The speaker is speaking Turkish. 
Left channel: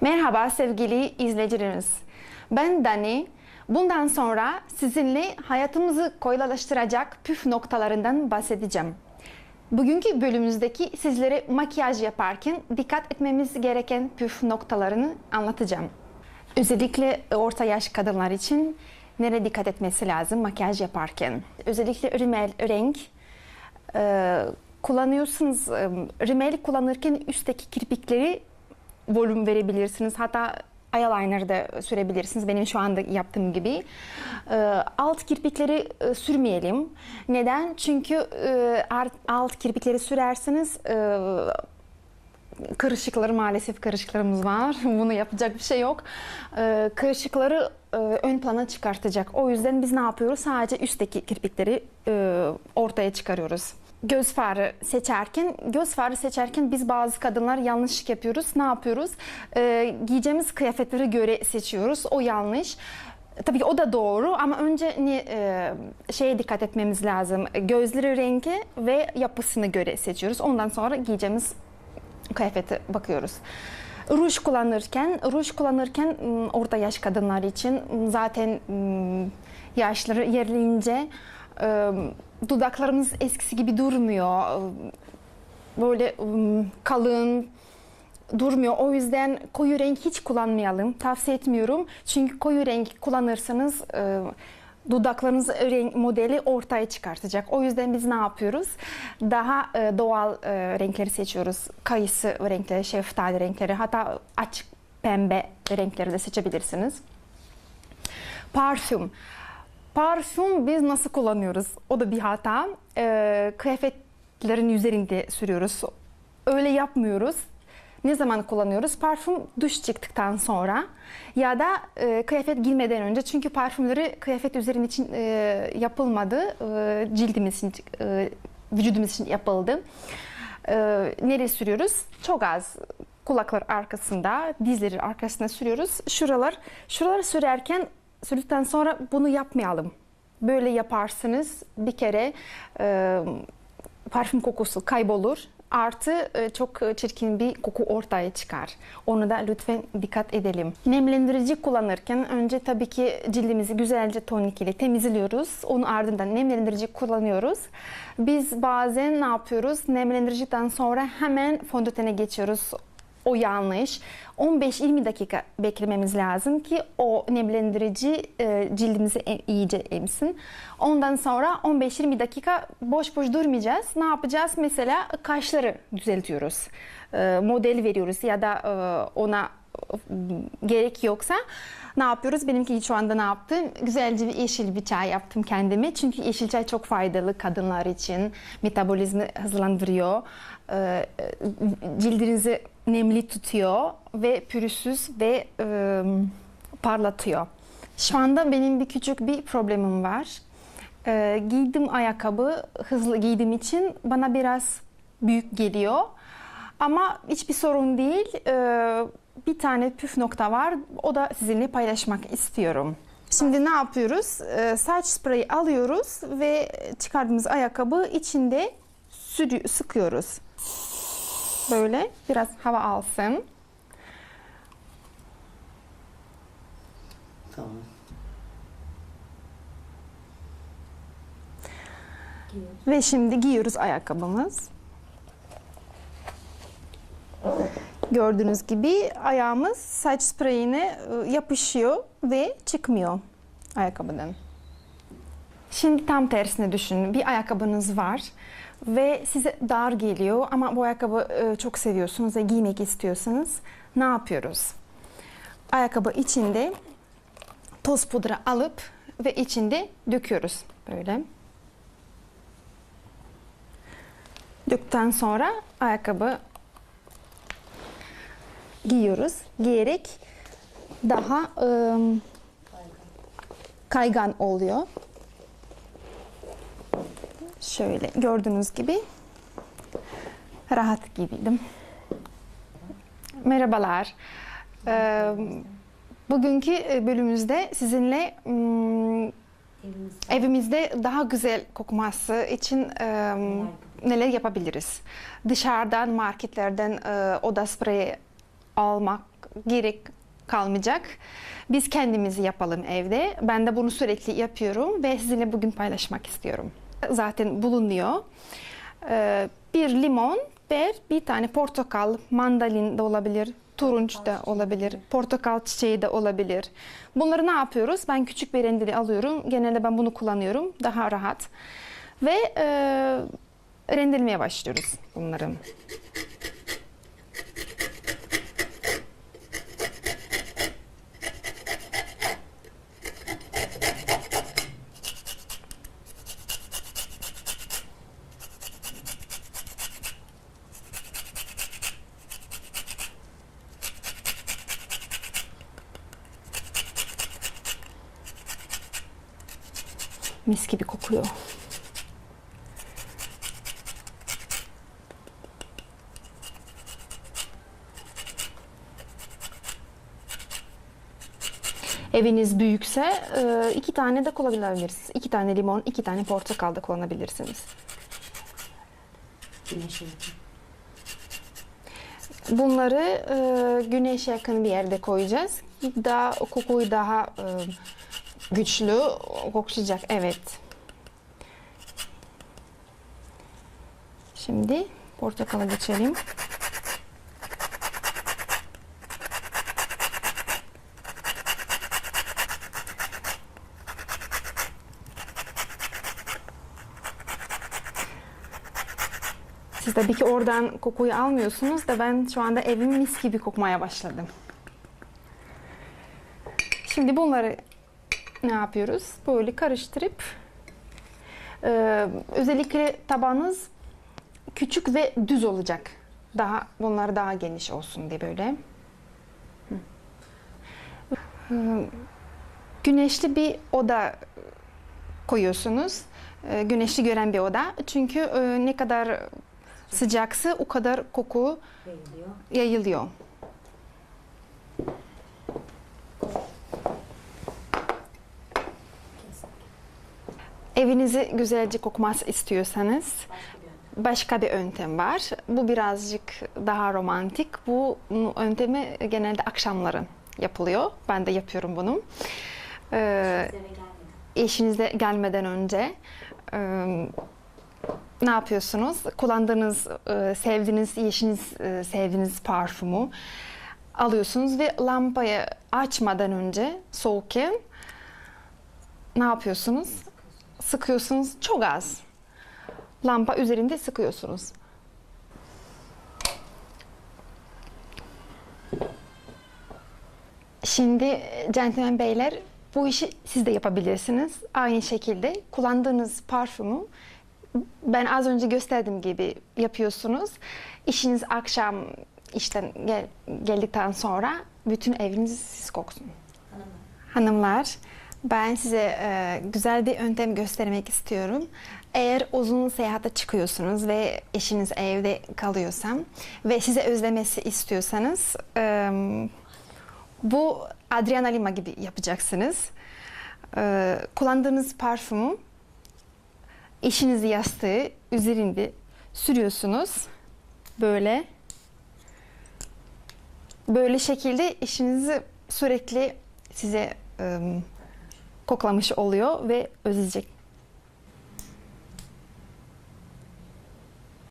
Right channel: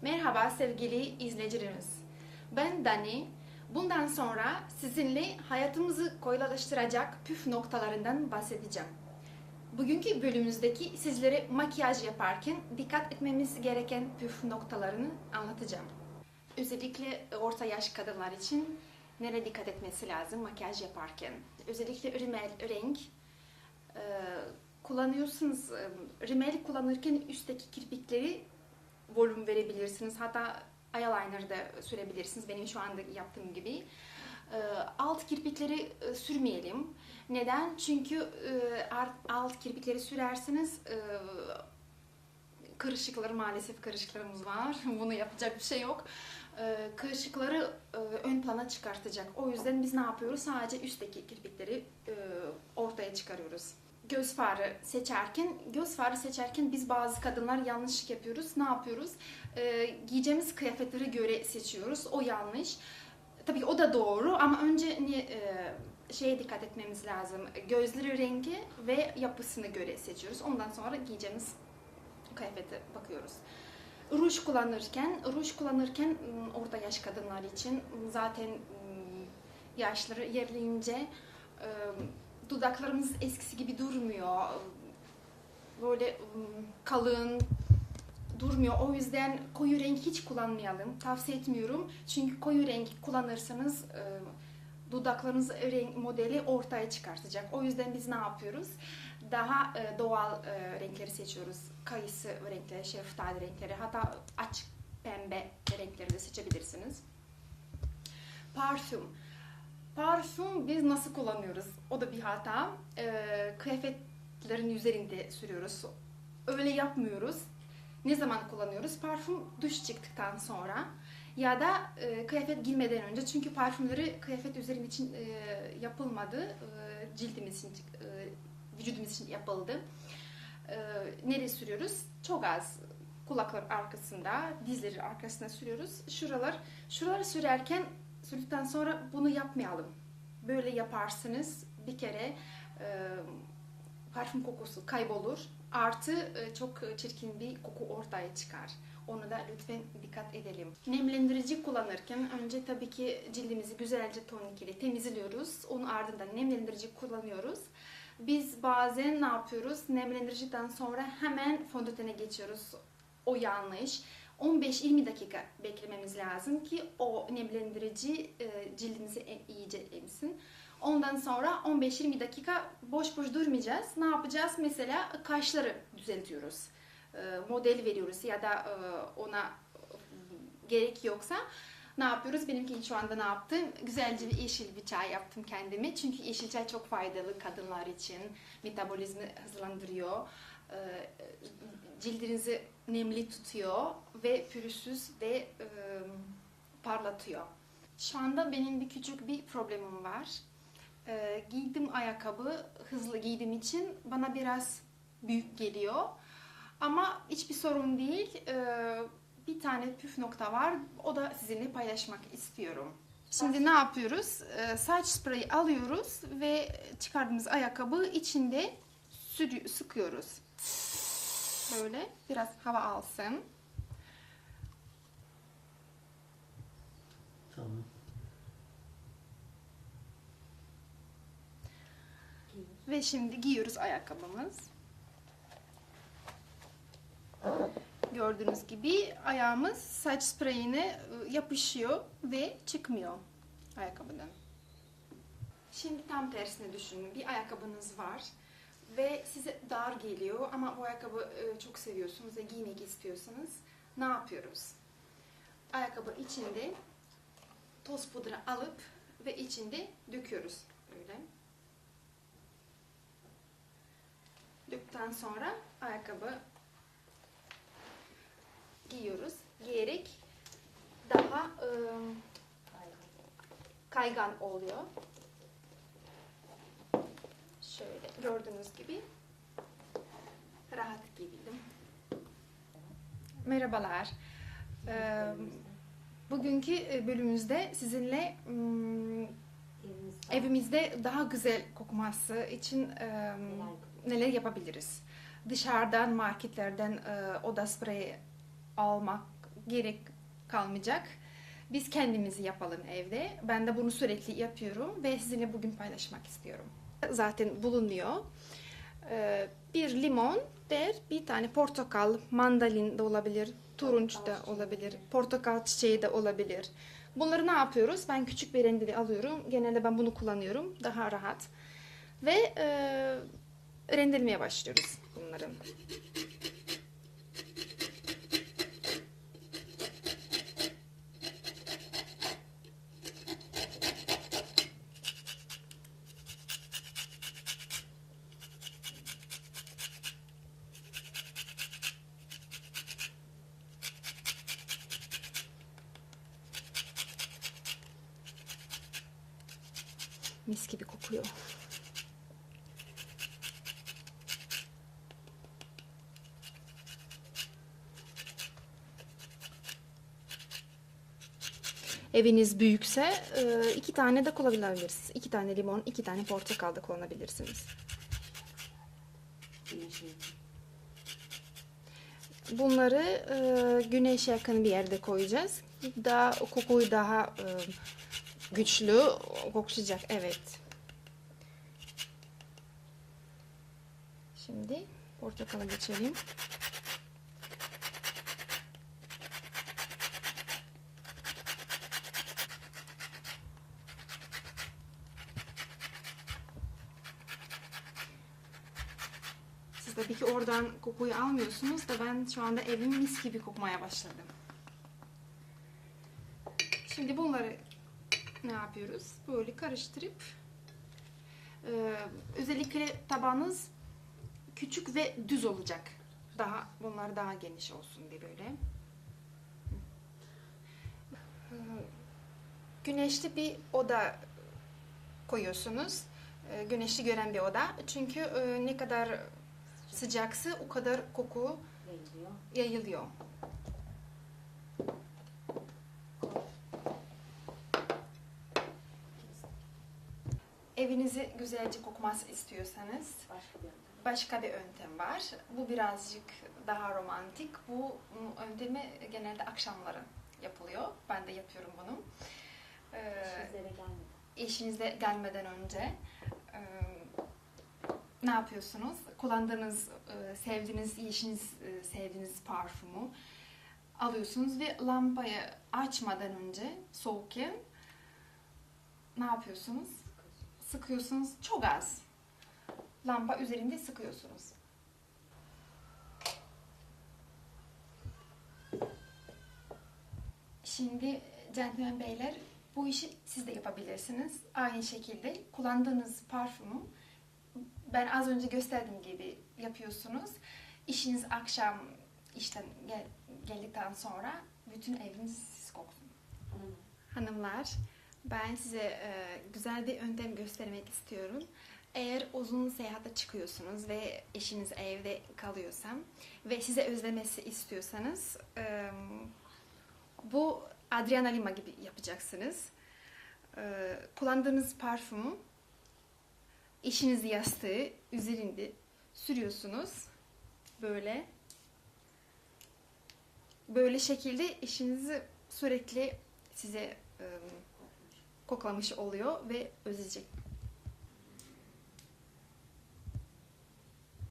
Merhaba sevgili izleyicilerimiz. Ben Dani. Bundan sonra sizinle hayatımızı kolaylaştıracak püf noktalarından bahsedeceğim. Bugünkü bölümümüzdeki sizlere makyaj yaparken dikkat etmemiz gereken püf noktalarını anlatacağım. Özellikle orta yaş kadınlar için nereye dikkat etmesi lazım makyaj yaparken. Özellikle rimel, renk kullanıyorsunuz. Rimel kullanırken üstteki kirpikleri volüm verebilirsiniz. Hatta eyeliner de sürebilirsiniz. Benim şu anda yaptığım gibi. E, alt kirpikleri e, sürmeyelim. Neden? Çünkü e, alt kirpikleri sürerseniz e, kırışıkları maalesef kırışıklarımız var. Bunu yapacak bir şey yok. Ee, kırışıkları e, ön plana çıkartacak. O yüzden biz ne yapıyoruz? Sadece üstteki kirpikleri ortaya çıkarıyoruz. Göz farı seçerken, göz farı seçerken biz bazı kadınlar yanlış yapıyoruz. Ne yapıyoruz? Ee, giyeceğimiz kıyafetlere göre seçiyoruz. O yanlış. Tabii ki o da doğru ama önce ne, e, şeye dikkat etmemiz lazım. Gözleri rengi ve yapısını göre seçiyoruz. Ondan sonra giyeceğimiz kıyafete bakıyoruz. Ruj kullanırken, ruj kullanırken m, orta yaş kadınlar için m, zaten m, yaşları yerleyince e, dudaklarımız eskisi gibi durmuyor. Böyle kalın durmuyor. O yüzden koyu renk hiç kullanmayalım. Tavsiye etmiyorum. Çünkü koyu renk kullanırsanız e, dudaklarınız renk modeli ortaya çıkartacak. O yüzden biz ne yapıyoruz? Daha e, doğal e, renkleri seçiyoruz. Kayısı renkleri, şeftali renkleri, hatta açık pembe renkleri de seçebilirsiniz. Parfüm. Parfüm biz nasıl kullanıyoruz? O da bir hata. E, kıyafetlerin üzerinde sürüyoruz. Öyle yapmıyoruz. Ne zaman kullanıyoruz? Parfüm duş çıktıktan sonra ya da e, kıyafet giymeden önce. Çünkü parfümleri kıyafet üzerine için e, yapılmadı. E, cildimiz için, e, vücudumuz için yapıldı. E, nereye sürüyoruz? Çok az kulaklar arkasında, dizleri arkasına sürüyoruz. Şuralar, şuralar sürerken sürdükten sonra bunu yapmayalım. Böyle yaparsınız bir kere e, parfüm kokusu kaybolur. Artı e, çok çirkin bir koku ortaya çıkar. Onu da lütfen dikkat edelim. Nemlendirici kullanırken önce tabii ki cildimizi güzelce tonik ile temizliyoruz. Onun ardından nemlendirici kullanıyoruz. Biz bazen ne yapıyoruz? Nemlendiriciden sonra hemen fondötene geçiyoruz. O yanlış. 15-20 dakika beklememiz lazım ki o nemlendirici e, cildimizi e- iyice emsin. Ondan sonra 15-20 dakika boş boş durmayacağız. Ne yapacağız? Mesela kaşları düzeltiyoruz. E, model veriyoruz ya da e, ona gerek yoksa ne yapıyoruz? Benimki şu anda ne yaptım? Güzelce bir yeşil bir çay yaptım kendime. Çünkü yeşil çay çok faydalı kadınlar için. Metabolizmi hızlandırıyor. Ee, Cildinizi nemli tutuyor ve pürüzsüz ve e, parlatıyor. Şu anda benim bir küçük bir problemim var. Ee, giydim ayakkabı hızlı giydiğim için bana biraz büyük geliyor. Ama hiçbir sorun değil. Ee, bir tane püf nokta var. O da sizinle paylaşmak istiyorum. Şimdi ne yapıyoruz? Ee, saç spreyi alıyoruz ve çıkardığımız ayakkabı içinde sürü- sıkıyoruz. Böyle biraz hava alsın. Tamam. Ve şimdi giyiyoruz ayakkabımız. Gördüğünüz gibi ayağımız saç spreyine e, yapışıyor ve çıkmıyor ayakkabıdan. Şimdi tam tersine düşünün. Bir ayakkabınız var ve size dar geliyor ama bu ayakkabı e, çok seviyorsunuz ve giymek istiyorsanız ne yapıyoruz? Ayakkabı içinde toz pudra alıp ve içinde döküyoruz böyle. Döktükten sonra ayakkabı giyiyoruz. Giyerek daha ım, kaygan oluyor. Şöyle gördüğünüz gibi rahat giydim. Merhabalar. Ee, Bugünkü e, bölümümüzde sizinle ım, evimizde daha güzel kokması için e, neler yapabiliriz? Dışarıdan, marketlerden e, oda spreyi almak gerek kalmayacak. Biz kendimizi yapalım evde. Ben de bunu sürekli yapıyorum ve sizinle bugün paylaşmak istiyorum. Zaten bulunuyor. Ee, bir limon ve bir tane portakal, mandalin de olabilir, turunç da olabilir, portakal çiçeği de olabilir. Bunları ne yapıyoruz? Ben küçük bir rendeli alıyorum. Genelde ben bunu kullanıyorum. Daha rahat. Ve e, rendelemeye başlıyoruz bunları. Mis gibi kokuyor. Eviniz büyükse e, iki tane de kullanabilirsiniz. İki tane limon, iki tane portakal da kullanabilirsiniz. Yakın. Bunları e, güneşe yakın bir yerde koyacağız. Daha kokuyu daha e, güçlü koklayacak. Evet. Şimdi portakala geçelim. Siz tabii ki oradan kokuyu almıyorsunuz da ben şu anda evim mis gibi kokmaya başladım. Şimdi bunları ne yapıyoruz? Böyle karıştırıp e, özellikle tabanınız küçük ve düz olacak. Daha bunlar daha geniş olsun diye böyle. E, Güneşli bir oda koyuyorsunuz. E, Güneşli gören bir oda. Çünkü e, ne kadar sıcaksa o kadar koku yayılıyor. Evinizi güzelce kokması istiyorsanız Başka bir yöntem. var. Bu birazcık daha romantik. Bu yöntemi genelde akşamları yapılıyor. Ben de yapıyorum bunu. Ee, eşinize gelmeden önce e, ne yapıyorsunuz? Kullandığınız, e, sevdiğiniz, eşiniz e, sevdiğiniz parfümü alıyorsunuz ve lambayı açmadan önce soğukken ne yapıyorsunuz? Sıkıyorsunuz çok az. Lamba üzerinde sıkıyorsunuz. Şimdi gentleman beyler bu işi siz de yapabilirsiniz. Aynı şekilde kullandığınız parfümü ben az önce gösterdiğim gibi yapıyorsunuz. İşiniz akşam işten gel- geldikten sonra bütün eviniz siz koksun. Hanımlar. Ben size e, güzel bir yöntem göstermek istiyorum. Eğer uzun seyahate çıkıyorsunuz ve eşiniz evde kalıyorsa ve size özlemesi istiyorsanız e, bu Adriana Lima gibi yapacaksınız. E, kullandığınız parfümü eşiniz yastığı üzerinde sürüyorsunuz. Böyle. Böyle şekilde eşinizi sürekli size e, koklamış oluyor ve özleyecek